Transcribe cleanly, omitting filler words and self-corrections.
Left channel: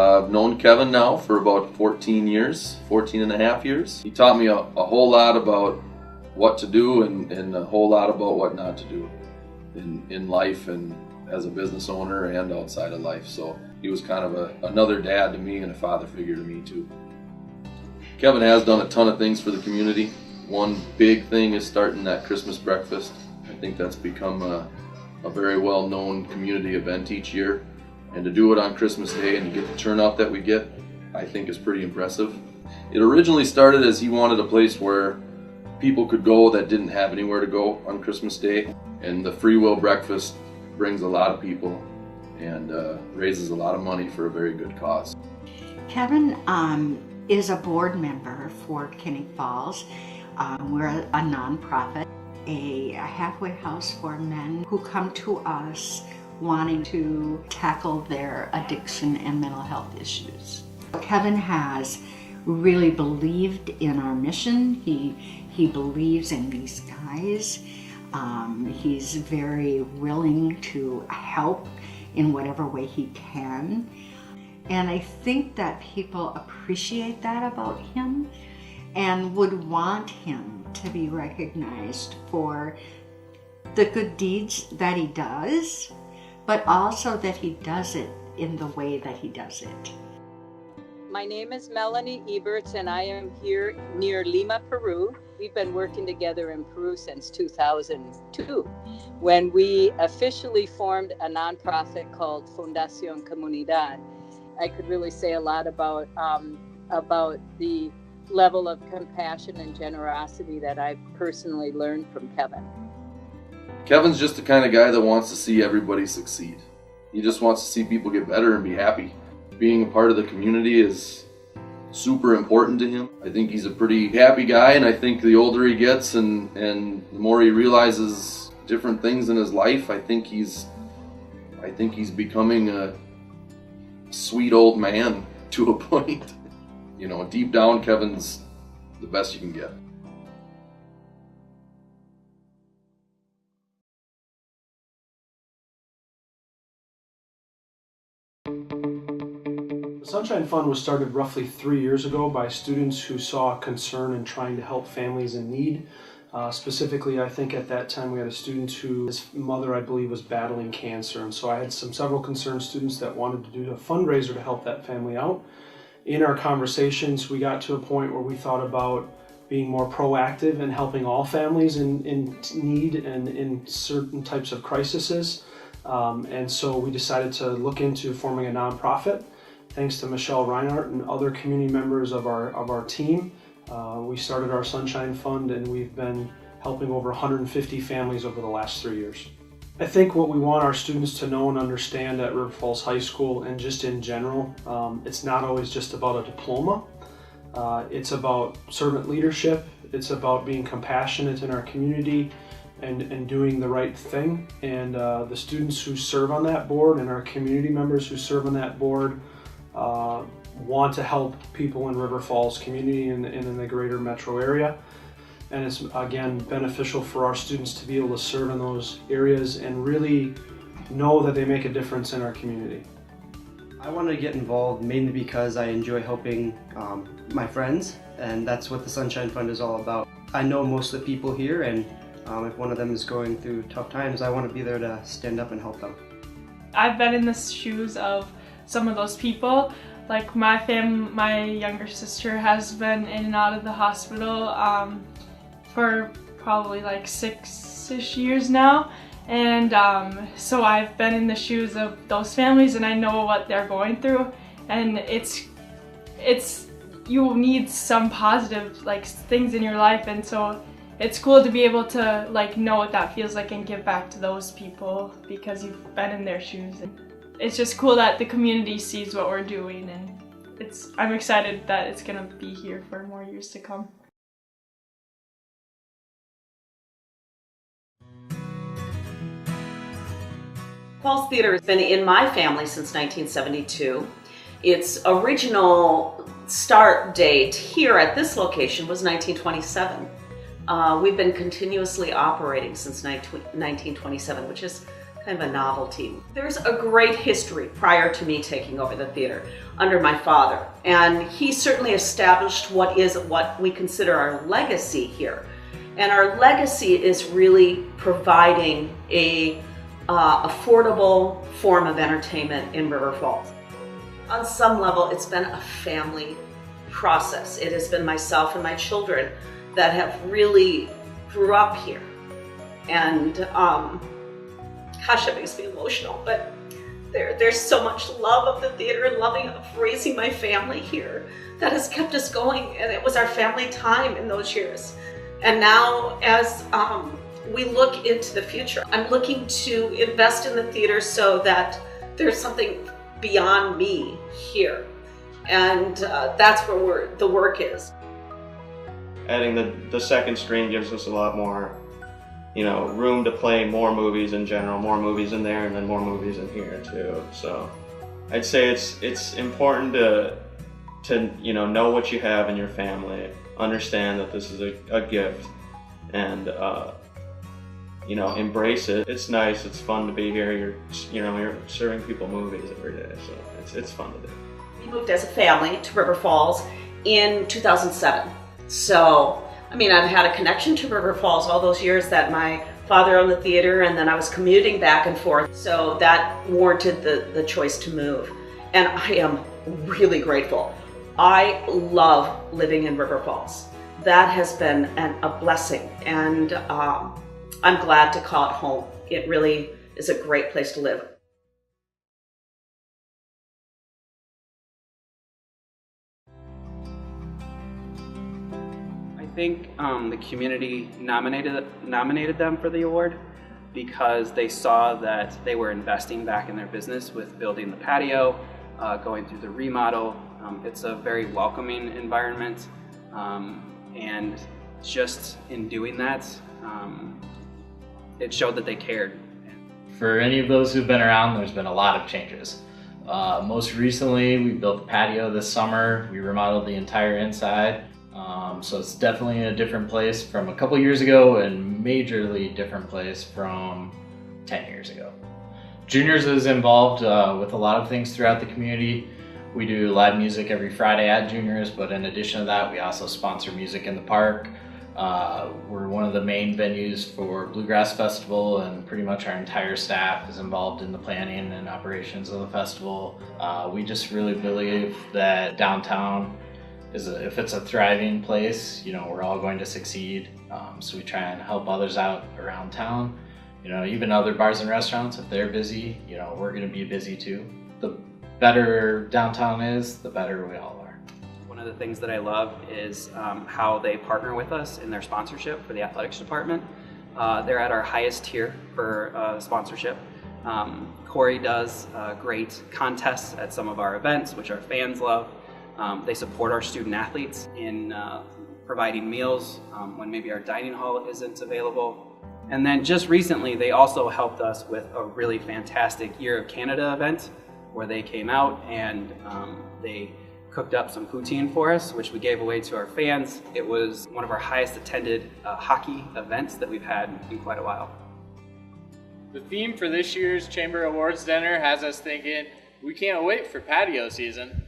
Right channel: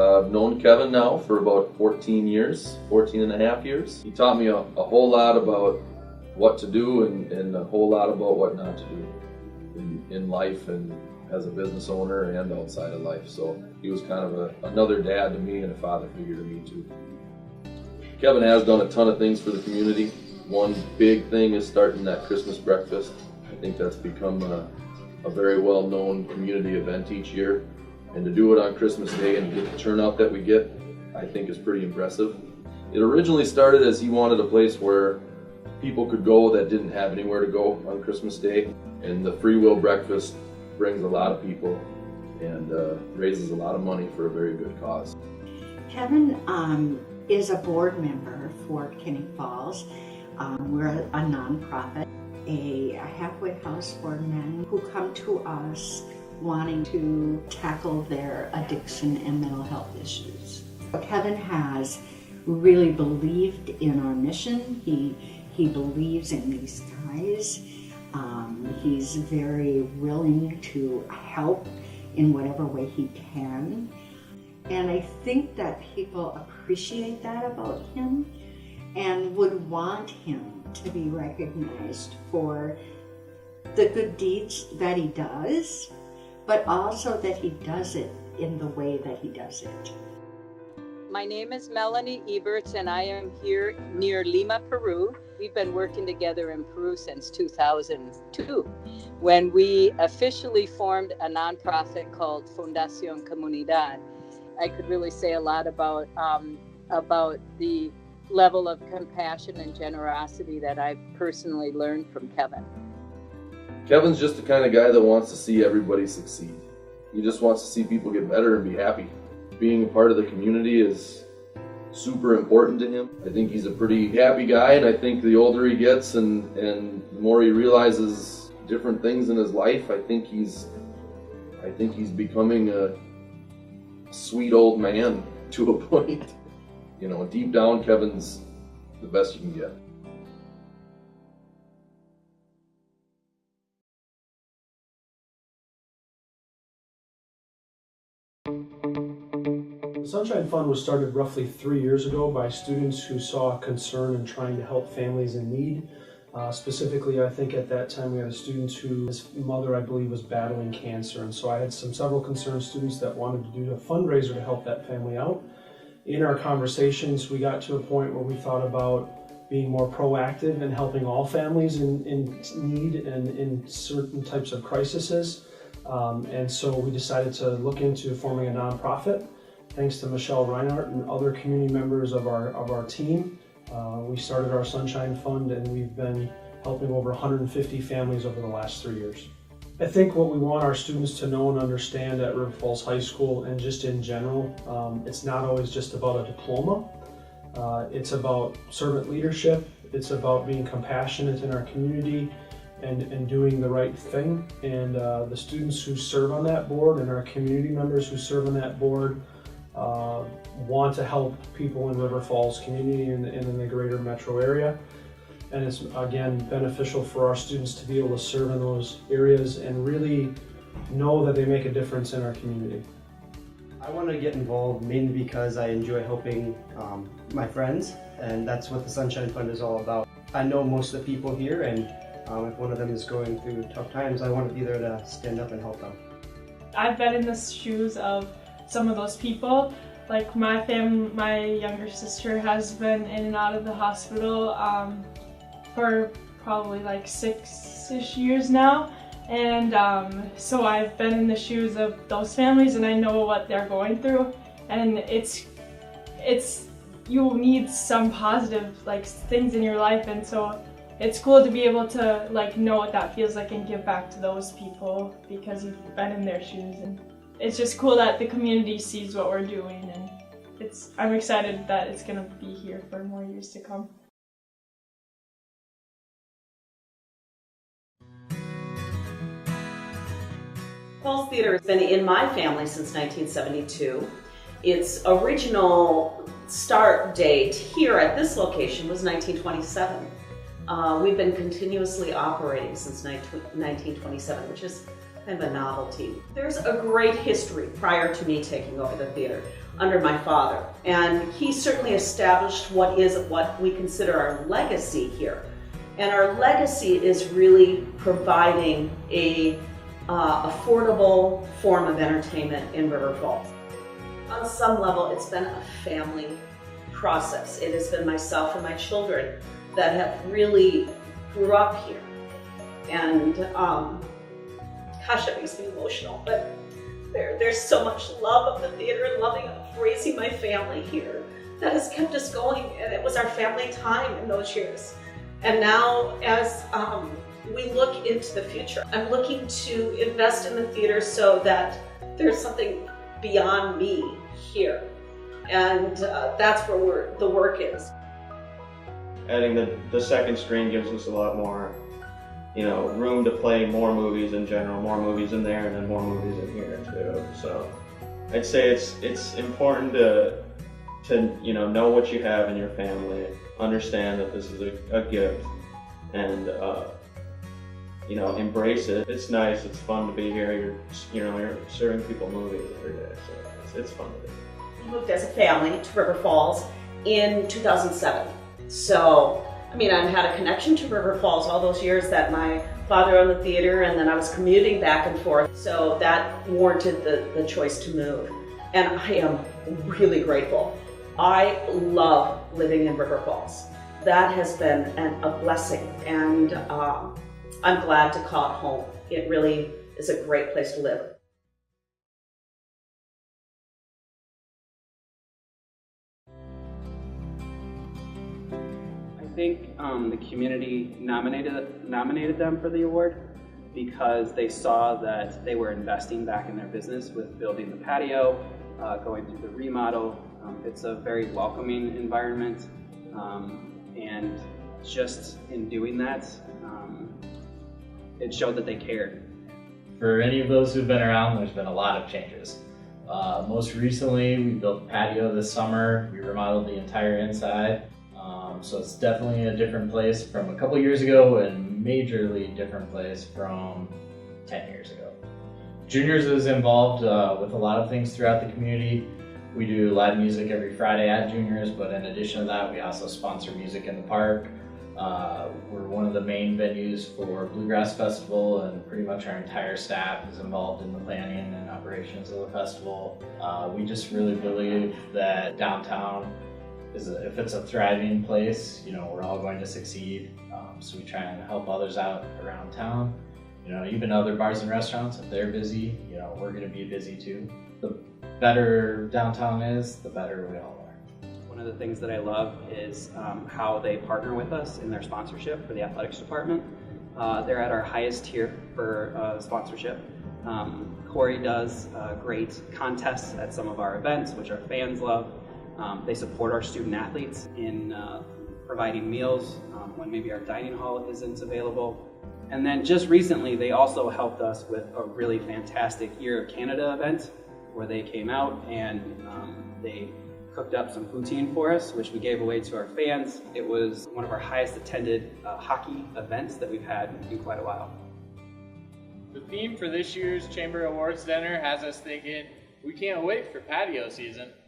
I've known Kevin now for about 14 and a half years. He taught me a whole lot about what to do and a whole lot about what not to do in life and as a business owner and outside of life. So he was kind of another dad to me and a father figure to me too. Kevin has done a ton of things for the community. One big thing is starting that Christmas breakfast. I think that's become a very well-known community event each year. And to do it on Christmas Day and to get the turnout that we get, I think is pretty impressive. It originally started as he wanted a place where people could go that didn't have anywhere to go on Christmas Day. And the free will breakfast brings a lot of people and raises a lot of money for a very good cause. Kevin is a board member for Kinney Falls. We're a nonprofit, a halfway house for men who come to us wanting to tackle their addiction and mental health issues. Kevin has really believed in our mission. He believes in these guys. He's very willing to help in whatever way he can. And I think that people appreciate that about him and would want him to be recognized for the good deeds that he does, but also that he does it in the way that he does it. My name is Melanie Eberts and I am here near Lima, Peru. We've been working together in Peru since 2002 when we officially formed a nonprofit called Fundación Comunidad. I could really say a lot about the level of compassion and generosity that I've personally learned from Kevin. Kevin's just the kind of guy that wants to see everybody succeed. He just wants to see people get better and be happy. Being a part of the community is super important to him. I think he's a pretty happy guy, and I think the older he gets and the more he realizes different things in his life, I think he's becoming a sweet old man to a point. You know, deep down, Kevin's the best you can get. The Sunshine Fund was started roughly 3 years ago by students who saw a concern in trying to help families in need. Specifically, I think at that time we had a student whose mother, I believe, was battling cancer, and so I had several concerned students that wanted to do a fundraiser to help that family out. In our conversations, we got to a point where we thought about being more proactive and helping all families in need and in certain types of crises. And so we decided to look into forming a nonprofit. Thanks to Michelle Reinhardt and other community members of our team, we started our Sunshine Fund, and we've been helping over 150 families over the last 3 years. I think what we want our students to know and understand at River Falls High School and just in general, it's not always just about a diploma. It's about servant leadership. It's about being compassionate in our community and doing the right thing. And the students who serve on that board and our community members who serve on that board want to help people in River Falls community and in the greater metro area. And it's, again, beneficial for our students to be able to serve in those areas and really know that they make a difference in our community. I wanted to get involved mainly because I enjoy helping my friends, and that's what the Sunshine Fund is all about. I know most of the people here, and if one of them is going through tough times, I want to be there to stand up and help them. I've been in the shoes of some of those people. Like my younger sister has been in and out of the hospital for probably like 6-ish years now, and so I've been in the shoes of those families, and I know what they're going through, and it's you need some positive like things in your life, and so it's cool to be able to like know what that feels like and give back to those people because you've been in their shoes. And it's just cool that the community sees what we're doing, and I'm excited that it's gonna be here for more years to come. Falls Theater has been in my family since 1972. Its original start date here at this location was 1927. We've been continuously operating since 1927, which is kind of a novelty. There's a great history prior to me taking over the theater under my father, and he certainly established what we consider our legacy here. And our legacy is really providing a affordable form of entertainment in River Falls. On some level, it's been a family process. It has been myself and my children that have really grew up here. And gosh, it makes me emotional, but there's so much love of the theater and loving of raising my family here that has kept us going, and it was our family time in those years. And now as we look into the future, I'm looking to invest in the theater so that there's something beyond me here. And that's where the work is. Adding the second screen gives us a lot more, room to play more movies in general, more movies in there and then more movies in here too. So I'd say it's important to know what you have in your family, understand that this is a gift, and embrace it. It's nice, it's fun to be here. You're serving people movies every day, so it's fun to do. We moved as a family to River Falls in 2007. So, I've had a connection to River Falls all those years that my father owned the theater, and then I was commuting back and forth. So that warranted the choice to move. And I am really grateful. I love living in River Falls. That has been a blessing, and I'm glad to call it home. It really is a great place to live. I think the community nominated them for the award because they saw that they were investing back in their business with building the patio, going through the remodel. It's a very welcoming environment, and just in doing that, it showed that they cared. For any of those who've been around, there's been a lot of changes. Most recently, we built the patio this summer. We remodeled the entire inside. So it's definitely a different place from a couple years ago, and majorly different place from 10 years ago. Juniors is involved with a lot of things throughout the community. We do live music every Friday at Juniors, but in addition to that, we also sponsor music in the park. We're one of the main venues for Bluegrass Festival, and pretty much our entire staff is involved in the planning and operations of the festival. We just really believe that downtown if it's a thriving place, we're all going to succeed. So we try and help others out around town. Even other bars and restaurants, if they're busy, we're going to be busy too. The better downtown is, the better we all are. One of the things that I love is how they partner with us in their sponsorship for the athletics department. They're at our highest tier for sponsorship. Corey does great contests at some of our events, which our fans love. They support our student athletes in providing meals when maybe our dining hall isn't available. And then just recently, they also helped us with a really fantastic Year of Canada event where they came out and they cooked up some poutine for us, which we gave away to our fans. It was one of our highest attended hockey events that we've had in quite a while. The theme for this year's Chamber Awards Dinner has us thinking, we can't wait for patio season.